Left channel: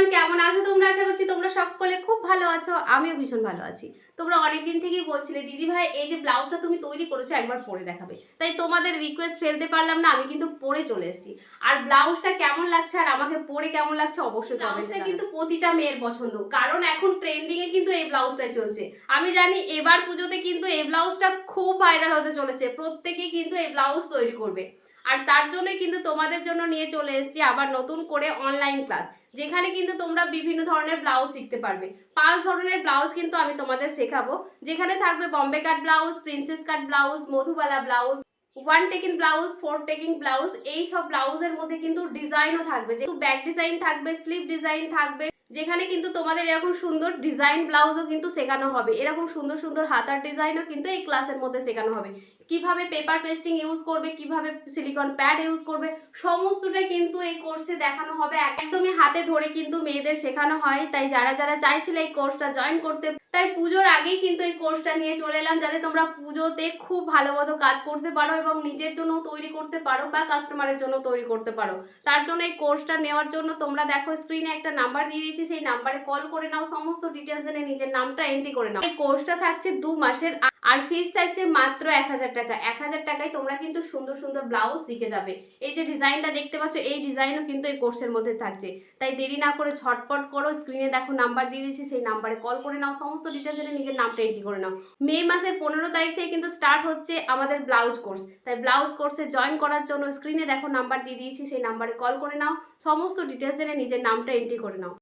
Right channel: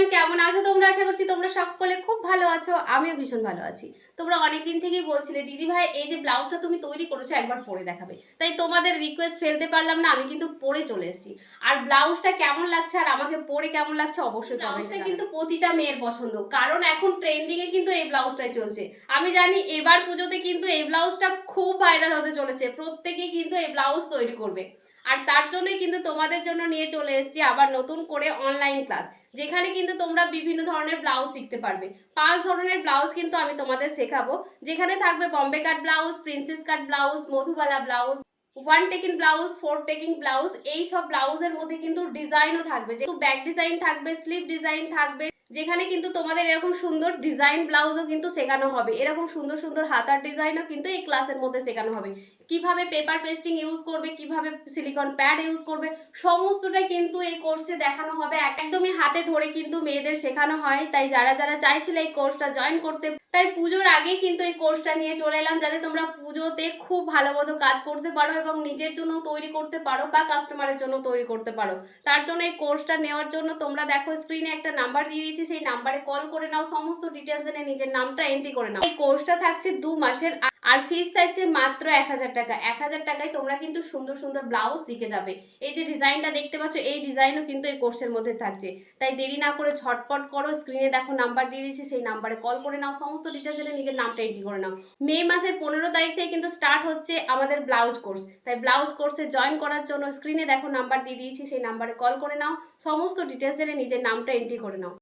Everyone, কেমন আছো তোমরা? আশা করছি তোমরা সকলে খুব ভালো আছো। আমিও ভীষণ ভালো আছি। তোমরা অনেকদিন থেকেই বলছিলে দিদি ভাই এই যে ব্লাউজটা তুমি তৈরি করেছো একবার পরে দেখাবে। তাই তোমাদের রিকোয়েস্ট ফেলতে পারলাম না, আমি কিন্তু পরে চলে এসেছি। আর ব্লাউজটা কেমন লাগছে আর আমাকে পরে কেমন লাগছে অবশ্যই কমেন্টে জানাবে। কিন্তু প্রতিটা মেয়ের পছন্দ, কারণ এখন ট্রেন্ডিং এ কিন্তু এই ব্লাউজটাই চলছে। আমি জানি এবার পুজোতে কিন্তু এই ব্লাউজটা খুব ভাইরাল হতে চলেছে, প্রত্যেকেই কিন্তু এই ব্লাউজ তৈরি করবে। আর তার জন্যই কিন্তু তোমাদের জন্য নিয়ে চলে এসেছি আবার নতুন করে অনলাইন ক্লাস, যেখানে কিন্তু তোমরা বিভিন্ন ধরনের ব্লাউজ শিখতে পারবে। 5 ধরনের ব্লাউজ কিন্তু আমি তোমাদের শেখাবো, যেখানে থাকবে বম্বে কাট ব্লাউজ, প্রিন্সেস কাট blouse, Madhubala blouse, one taking blouse, four taking blouse. এই সব ব্লাউজের মধ্যে কিন্তু ডিজাইনও থাকবে, যেহেতু ব্যাক ডিজাইন থাকবে, স্লিভ ডিজাইন থাকবে, যেখানে কিন্তু তোমাদের এরকম সুন্দর ডিজাইন ব্লাউজও কিন্তু শেখানো হবে। এরকম সুন্দর সুন্দর হাতার ডিজাইনও কিন্তু এই ক্লাসের মধ্যে শেখানো হবে। কিভাবে পেপার পেস্টিং ইউজ করবে, কিভাবে সিলিকন প্যাড ইউজ করবে, সমস্তটাই কিন্তু এই কোর্সে দেখানো হবে। একদমই হাতে ধরে কিন্তু মেয়েদের শেখানো হয়। তাই যারা যারা চাইছিল এই কোর্সটা জয়েন করতে, তাই পুজোর আগেই কিন্তু এই কোর্সটা নিয়ে চলে এলাম, যাতে তোমরা পুজোতে খুব ভালো মতো কাজ করতে পারো এবং নিজের জন্য তৈরি করতে পারো বা কাস্টমারের জন্য তৈরি করতে পারো। তার জন্য এই কোর্সটা নেওয়ার জন্য তোমরা দেখো স্ক্রিনে একটা নাম্বার দিয়ে দিয়েছি, সেই নাম্বারে কল করে নাও, সমস্ত ডিটেলস জেনে নিজের নামটা এন্ট্রি করে নাও। এই কোর্সটা থাকছে 2 মাসের আর ফিস থাকছে মাত্র 1000 টাকা। 1000 টাকায় তোমরা কিন্তু সুন্দর সুন্দর ব্লাউজ শিখে যাবে। এই যে ডিজাইনটা দেখতে পাচ্ছ, এই ডিজাইনও কিন্তু এই কোর্সের মধ্যে থাকছে। তাই দেরি না করে ঝটপট করো, স্ক্রিনে দেখো নাম্বার দিয়ে দিয়েছি, সেই নাম্বারে কল করে নাও, সমস্ত ডিটেলস জেনে নিজের নামটা এন্ট্রি করে নাও। মে মাসের 15 তারিখ থেকে কিন্তু স্টার্ট হচ্ছে আমাদের ব্লাউজ কোর্স। তাই ব্লাউজ কোর্সে জয়েন করার জন্য স্ক্রিনে দেখো নাম্বার দিয়ে দিয়েছি, সেই নাম্বারে কল করে নাও, সমস্ত ডিটেলস জেনে নিজের নামটা এন্ট্রি করে নাও।